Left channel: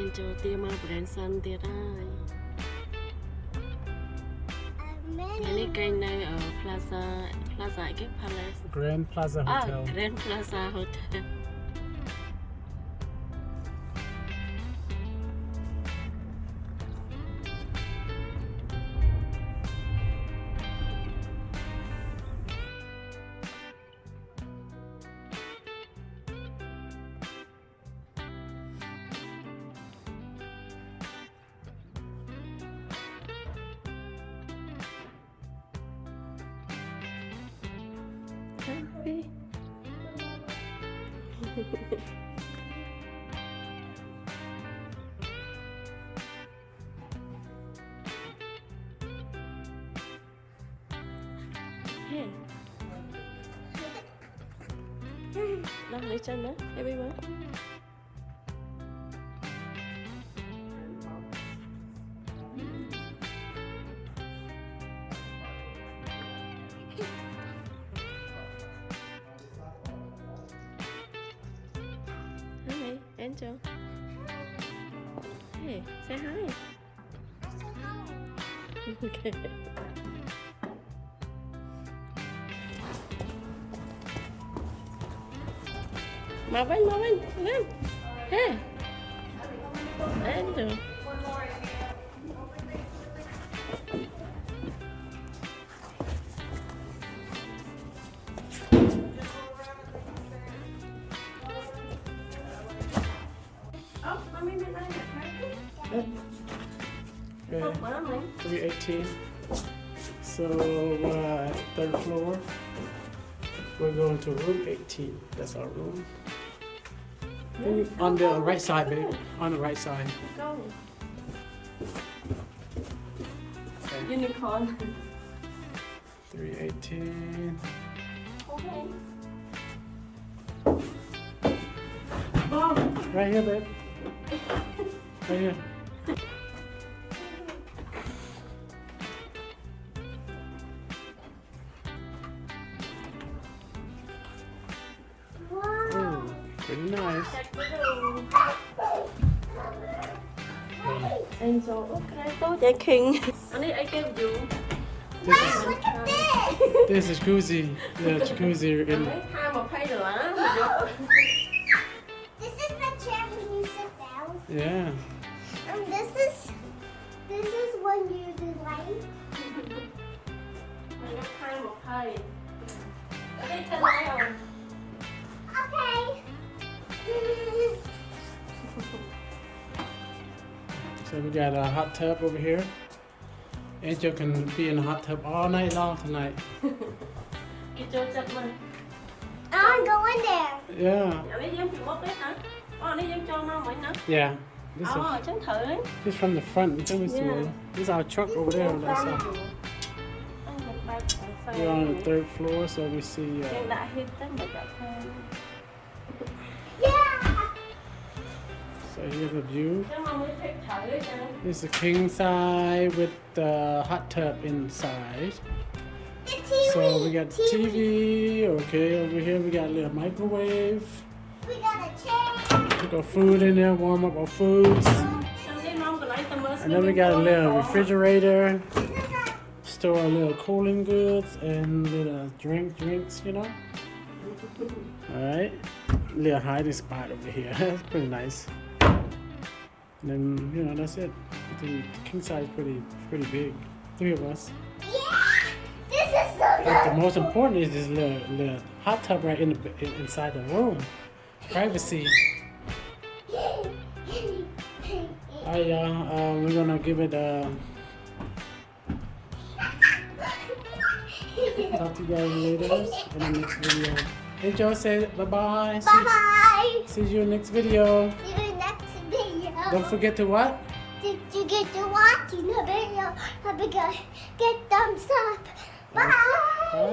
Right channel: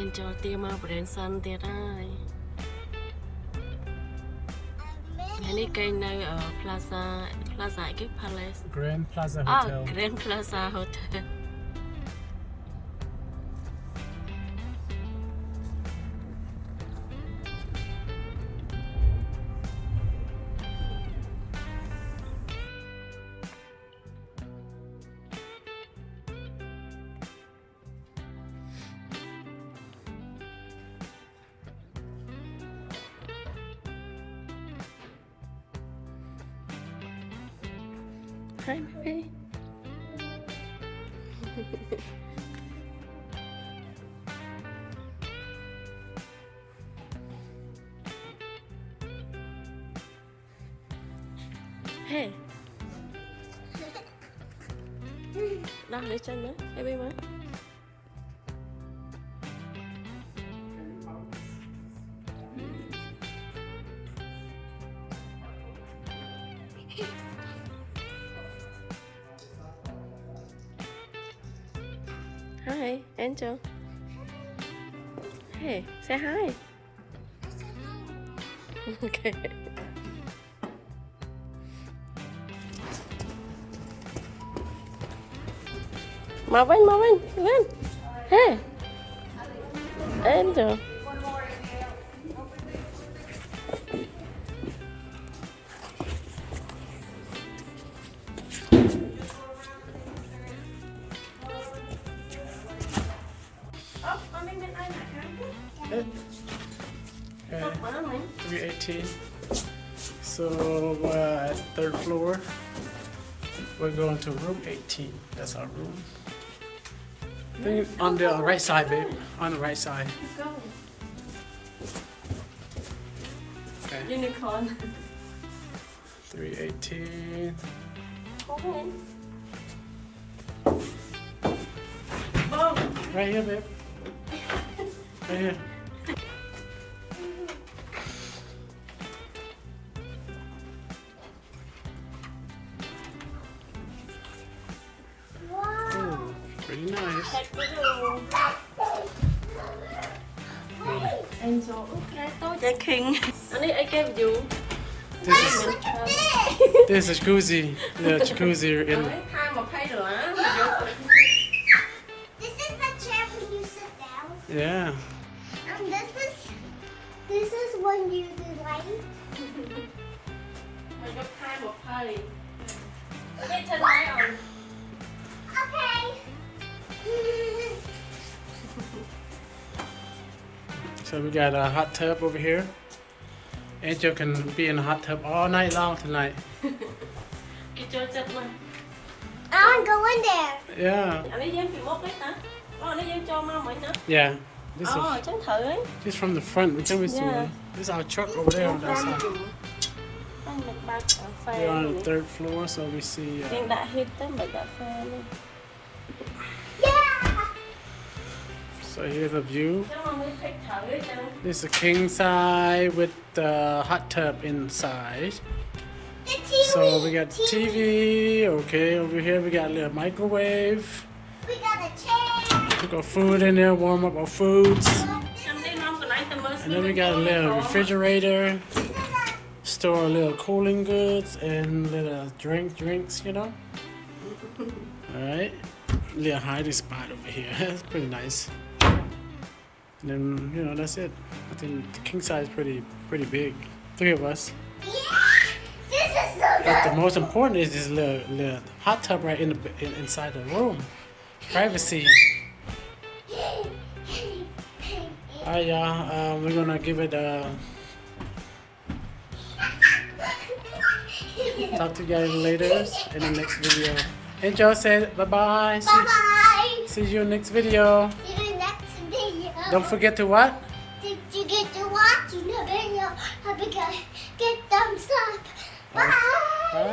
Angel ទៀមក Branson ទៀតហើយនេះគេនៅ Plaza អីគេ Palace Grand Plaza Hotel Grand Plaza Hotel Hi, baby. Hey. Đó, để chân đó, baby mới. Hi, Angel. Hey, say hi. Okay. Marvin. Hey, Angel. Okay, 318. So we're at third floor. We're going to room 18. That's our room. On the right side, babe. On the right side. Okay. Unicorn. 318. Right here, babe. Right here. Oh, pretty nice. Angel, okay, tôi chạy King. Anh ấy gave you. This is jacuzzi. The jacuzzi in. Hai mà pay rồi á. This is the chair when you sit down. Yeah. And this is when you do light. Anh hai mà pay. Biết thân ai không? Okay. So we got a hot tub over here. Angel can be in the hot tub all night long tonight. Cái chỗ chặt mà. I want to go in there. Yeah. Anh ấy dám bị mốt đấy hả? Anh ấy dám cho mà nó. Yeah. This is Chẳng thử ấy. just from the front. We can see Yeah. this is our truck over there on that side. We're on the third floor, so we see. Mình đã hít tới một cà phê. Yeah. So here's a view. Chắc mà mới thích thử đấy cho. This is a king size with the hot tub inside. The TV. So we got TV. Okay, over here we got a little microwave. We got a chair. Put our food in there, warm up our foods. Em đi mong cái lại tầm And then we got a little refrigerator. Store a little cooling goods and little drinks, you know. All right, little hiding spot over here. That's pretty nice. And then that's it. I think the king size is pretty big. 3 of us. Yeah. This is so But the good. most important is this little hot tub right inside the room. Privacy. Alright, y'all. We're gonna give it a. Talk to you guys later in the next video. Angel said bye bye. Bye-bye. See you next video. See you next video. Don't forget to what? Did you get to watching the video? Have a good thumbs up. Bye. Bye.